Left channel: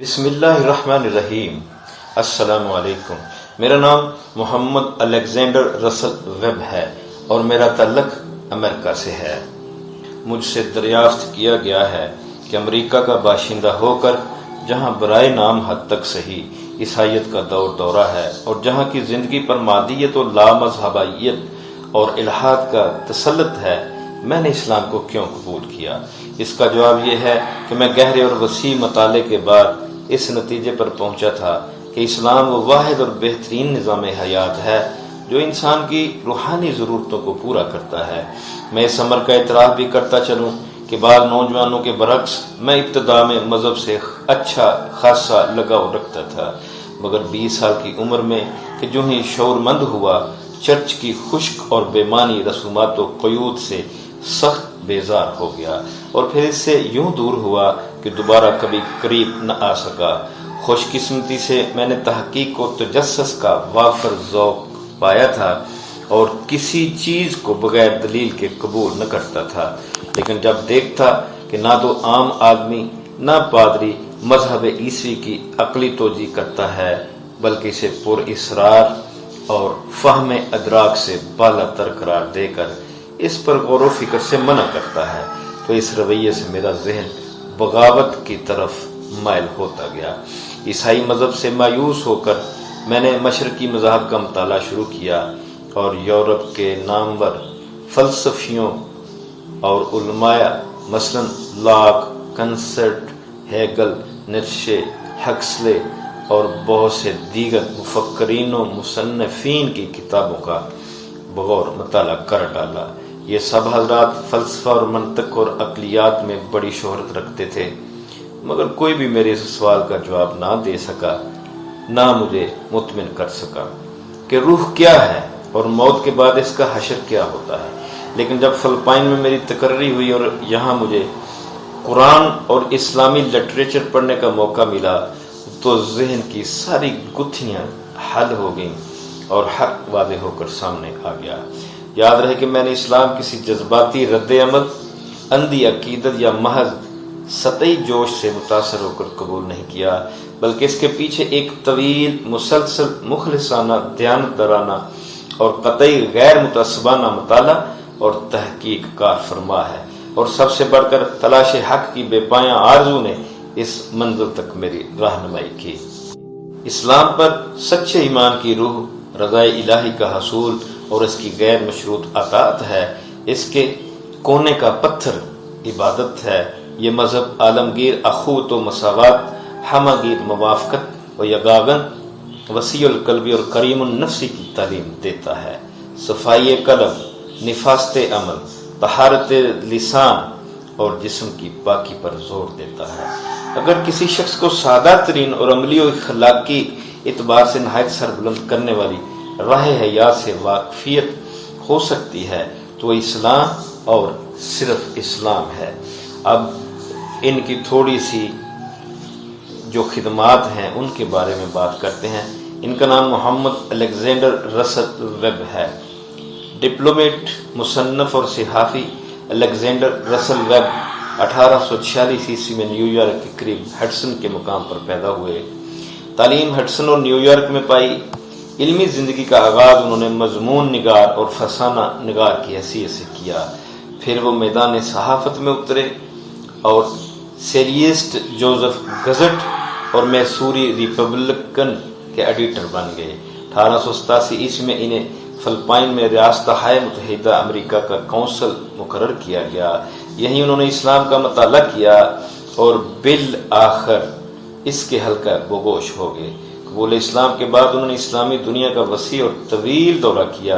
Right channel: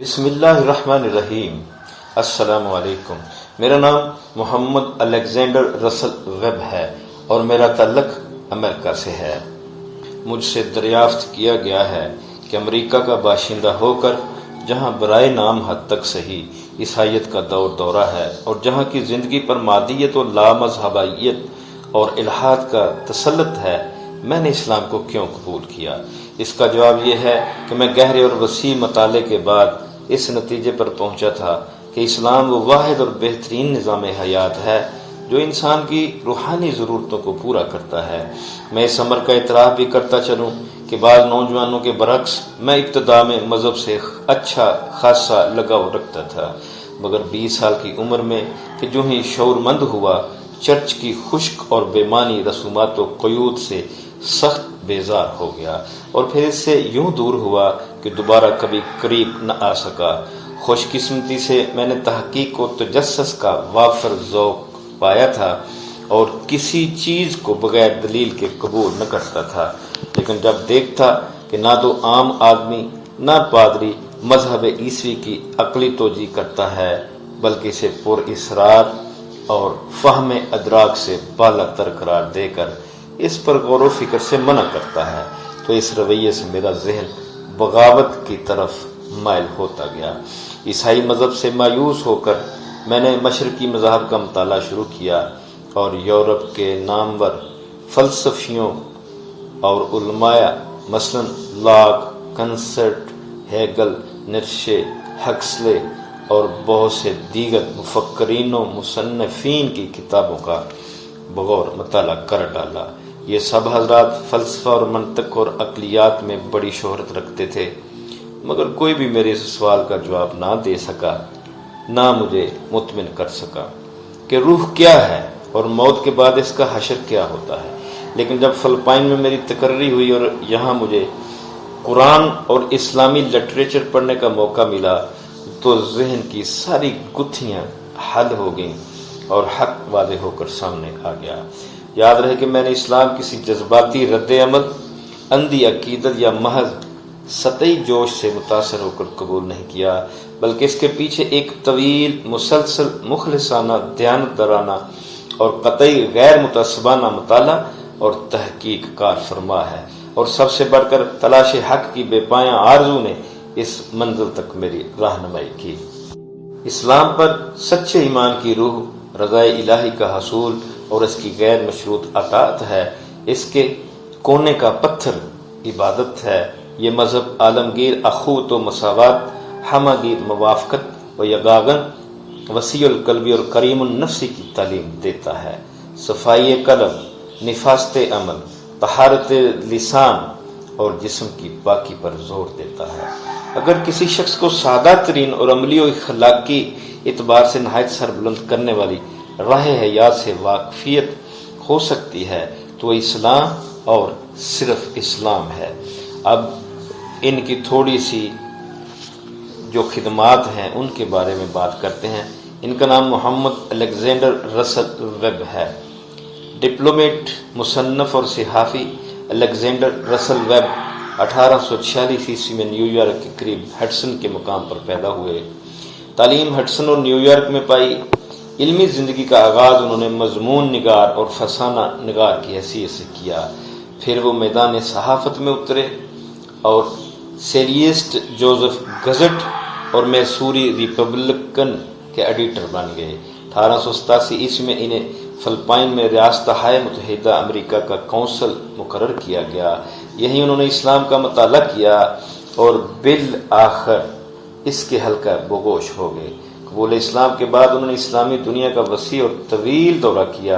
بسم اللہ الرحمن الرحیم۔ السلام علیکم۔ میرا نام محمد الیگزینڈر رسل ویب ہے اور میرا تعلق امریکہ سے ہے۔ مجھ سے دریافت کیا گیا ہے کہ امریکہ کا باشندہ ہو کر جہاں برائے نام حد تک صحیح عیسائیت کا دورہ ہے اور جہاں کی زندگی پر مادیت و لامذہبیت اور الحاد کا تسلط ہے، میں نے اسلام کو کیوں قبول کیا؟ اس کا جواب یہ ہے کہ میں گہرے اور وسیع مطالعے کے بعد اس نتیجے پر پہنچا تھا کہ اسلام وہ واحد اور بہترین نظام حیات ہے جو انسان کی روحانی ضرورتوں کو پورا کرتا ہے۔ میں اس امر کا اعتراف بھی کرتا چلوں کہ بعض نوجوانوں کے برعکس میں ابتدا میں مذہب سے اچھا خاصا لگاؤ رکھتا تھا، مگر 20 سال کی عمر میں کہ جو ہی شعور مند ہوا، چرچ کی خشک اور بے معنی رسومات و قیود سے سخت بیزار ہو گیا اور پھر اس سے یوں دور ہوا کہ دوبارہ کبھی قریب نہ آ سکا۔ خوش قسمتی سے میں نے تحقیق و تجسس کا وافر ذوق پایا تھا اور کسی چیز کو بغیر دلیل کے قبول نہ کرتا تھا، لیکن جب دیکھتا کہ نہ تو عام آدمی نہ پادری مذہب عیسوی کی عقلی توجیہ کرتا ہے بلکہ اسے پر اصرار اور فہم ادراک سے بالا تر قرار دے کر اس پر غور و فکر سے منع کرتا ہے، تو اس رویے سے میرا ذہن بغاوت کی طرف مائل ہوتا گیا۔ عیسائی مذہب سے مایوس ہو کر میں نے مشرقی مذاہب کا مطالعہ شروع کیا اور یورپ کے نامور فلسفیوں اور علماء مثلاً لاک، کنسرٹ، ہیگل، نیٹشے، ہکسلے اور بہت سے دیگر مفکرین و مصنفین کی کتابوں کا بغور مطالعہ کر ڈالا۔ یہ سب حضرات فلسفہ اور منطق اور عقلیات میں بڑی شہرت رکھتے تھے، مگر کوئی بھی میرے اس سوال کا جواب نہ دے سکا، نہ مجھے مطمئن کر سکا کہ روح کیا ہے اور موت کے بعد اس کا حشر کیا ہوتا ہے۔ لیکن جب فلپائن میں میری تقرری ہوئی اور یہاں مجھے قرآن اور اسلامی لٹریچر پڑھنے کا موقع ملا تو ذہن کی ساری گتھیاں حل ہو گئیں اور حق واضح ہو کر سامنے آ گیا۔ یاد رہے کہ میں نے اسلام کسی جذباتی رد عمل، اندھی عقیدت یا محض سطحی جوش سے متاثر ہو کر قبول نہیں کیا، بلکہ اس کے پیچھے ایک طویل، مسلسل، مخلصانہ، دیانتدارانہ اور قطعی غیر متعصبانہ مطالعہ اور تحقیق کار فرما ہے، اور سب سے بڑھ کر تلاش حق کی بے پایاں آرزو نے اس منزل تک میری رہنمائی کی۔ اسلام پر سچے ایمان کی روح رضا الہی کا حصول اور اس کی غیر مشروط اطاعت ہے، اس کے کونے کا پتھر عبادت ہے۔ یہ مذہب عالمگیر اخوت و مساوات، ہمگیر موافقت و یگاگن، وسیع القلبی اور کریم النفسی کی تعلیم دیتا ہے۔ صفائی قلب، نفاست عمل، طہارت لسان اور جسم کی پاکی پر زور دیتا ہے۔ اگر کسی شخص کو سادہ ترین اور عملی و اخلاقی اعتبار سے نہایت سربلند کرنے والی راہ حیات سے واقفیت ہو سکتی ہے تو وہ اسلام اور صرف اسلام ہے۔ اب ان کی تھوڑی سی جو خدمات ہیں ان کے بارے میں بات کرتے ہیں۔ ان کا نام محمد الیگزینڈر رسل ویب ہے۔ ڈپلومیٹ، مصنف اور صحافی الیگزینڈر رسل ویب 1846 عیسوی میں نیو یارک کے قریب ہڈسن کے مقام پر پیدا ہوئے۔ تعلیم ہڈسن اور نیو یارک میں پائی۔ علمی زندگی کا آغاز انہوں نے مضمون نگار اور فسانہ نگار کی حیثیت سے کیا، پھر وہ میدان صحافت میں اترے اور سیریسٹ جوزف گزٹ اور میسوری ریپبلکن کے ایڈیٹر بن گئے۔ 1887 عیسوی میں انہیں فلپائن میں ریاستہائے متحدہ امریکہ کا کونسل مقرر کیا گیا۔ یہیں انہوں نے اسلام کا مطالعہ کیا اور بالآخر اس کے حلقہ بگوش ہو گئے۔ قبول اسلام کے بعد انہوں نے اسلامی دنیا کا وسیع اور طویل دورہ کیا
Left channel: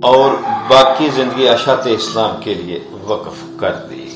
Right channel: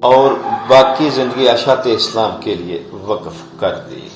اور باقی زندگی اشاعت اسلام کے لیے وقف کر دی۔